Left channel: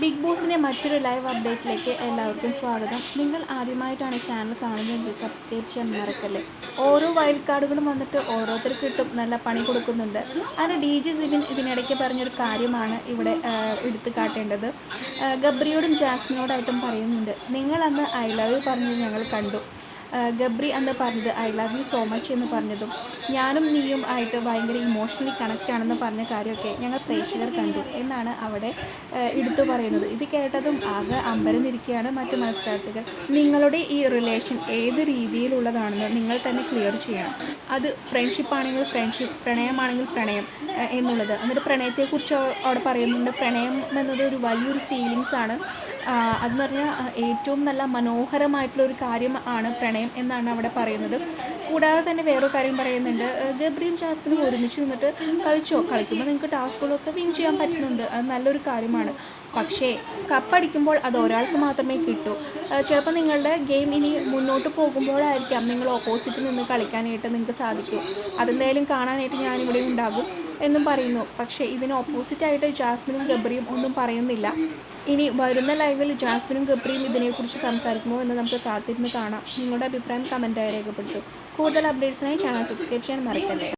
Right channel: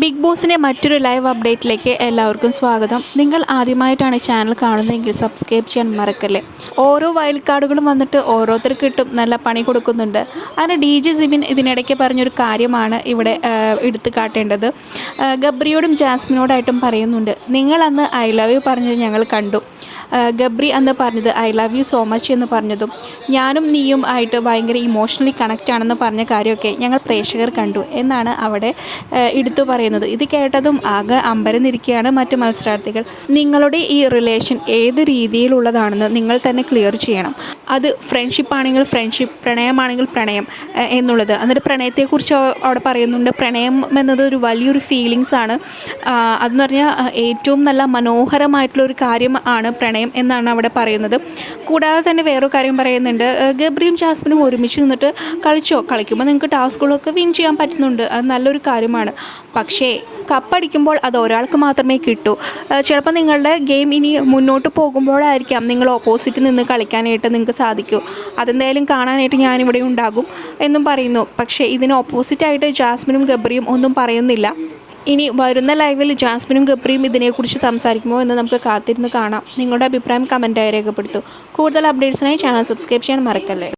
Big ബോസിന്റെ മറ്റൊരു live അപ്ഡേറ്റിലേക്ക് എല്ലാവർക്കും സ്വാഗതം. നിങ്ങൾ ആദ്യമായിട്ടാണ് ചാനൽ കാണുന്നതെങ്കിൽ സബ്സ്ക്രൈബ് ചെയ്യാൻ മറക്കല്ലേ? ഓരോ വൈൽഡ് കാർഡുകളും വന്നിട്ട് ഓരോരുത്തർക്ക് കിട്ടും നല്ല പണി കൊടുക്കുന്നുണ്ട്. അങ്ങനെ ഡി ജെ സിബിൻ ഇതിനിടയ്ക്ക് പറഞ്ഞൊരു കാര്യമാണ് ഇവിടെ എടുത്തു കാട്ടേണ്ടത്. ഗബ്രിയോടും ജാസ്മിനോടായിട്ടും പറയുന്നുണ്ട് നിങ്ങളന്ന് ഐ ലവ് യു പറഞ്ഞത് ഞങ്ങൾ കണ്ടു. ഗബ്രി അന്ന് പറഞ്ഞത് I love you so much എന്ന് പറഞ്ഞതും ഞാനും നീയും ആയിട്ട് ഭയങ്കര ഇമോഷണലി കണക്റ്റ് ആണെന്ന് പറഞ്ഞ കാര്യമൊക്കെ ഞങ്ങൾ പ്രേക്ഷകർ കണ്ടു എന്നാണ് അവിടെ എടുത്തു പറയുന്നത്. ഇത് കേട്ടതും ആകെ അമ്പരന്നിരിക്കുകയാണ് മറ്റ് മത്സരാർത്ഥികൾ. നിങ്ങളുടെ ഈ റിലേഷൻ ഏത് രീതിയിലുള്ളതാണെന്ന് നിങ്ങൾ തന്നെ ക്ലിയർ ചെയ്യണം. അത് ഫ്രണ്ട്ഷിപ്പ് ആണെങ്കിൽ ഫ്രണ്ട്ഷിപ്പ് പ്രണയമാണെങ്കിൽ പ്രണയം എന്നുള്ളത്. എന്നിട്ട് പ്രണയത്തെക്കുറിച്ച് അവ- അവിടെ പറയുന്നുണ്ട്. പ്രണയം എന്നത് ഒരു വലിയൊരു ഫീലിങ്സ് ആണ്. അതെന്ന് പറഞ്ഞാൽ ഏറ്റവും നല്ല മനോഹരമായിട്ടുള്ള ഒരു കാര്യം ആണ് പ്രണയം എന്നാണ് അവിടെ പറയുന്നത്. കൂടാതെ തന്നെ വേറൊരു കാര്യം പറയുന്നുണ്ട്. ഗബ്രിയും ജാസ്മിനും ഒരുമിച്ച് നിന്നിട്ട് കളിച്ചോ? കളിക്കുമ്പോൾ നിങ്ങൾക്ക് ടാസ്കുകളൊക്കെ വിൻ ചെയ്യാൻ പറ്റുന്നുണ്ട്. അത് നല്ലൊരു കാര്യമാണ്. പക്ഷേ കപ്പടിക്കുമ്പോൾ അത് ഒരാൾക്ക് മാത്രമേ കിട്ടൂ. ചിലപ്പോൾ നിങ്ങളുടെ ഗെയിം ഇനി മുന്നോട്ട് പോകുമ്പോഴായിരിക്കാം നിങ്ങൾ ഓപ്പോസിറ്റ് നിന്ന് കളിക്കാനായിട്ട് നിങ്ങൾക്ക് സാധിക്കൂ. അതെന്തായാലും കാണാനായിട്ട് ഞാനിവിടെ ഉണ്ടാകും എന്നും പറയുന്നു. പക്ഷേ ഇതിന് ഓപ്പോസിറ്റായിട്ട് ജാസ്മിനും ഗബ്രിയും ഒന്നും പറയുന്നില്ല. ഇനി വരുന്ന ലൈവിൽ ജാസ്മിനും ഗബ്രിയും ഇതിനെക്കുറിച്ച് സംസാരിക്കുമോ എന്ന് നമുക്ക് കാത്തിരുന്ന് കാണാം. നിങ്ങളുടെ അഭിപ്രായം കമന്റായി രേഖപ്പെടുത്തൂ. കൂടുതൽ അപ്ഡേറ്റ്സിനായി ചാനൽ സബ്സ്ക്രൈബ് ചെയ്യാൻ മറക്കല്ലേ?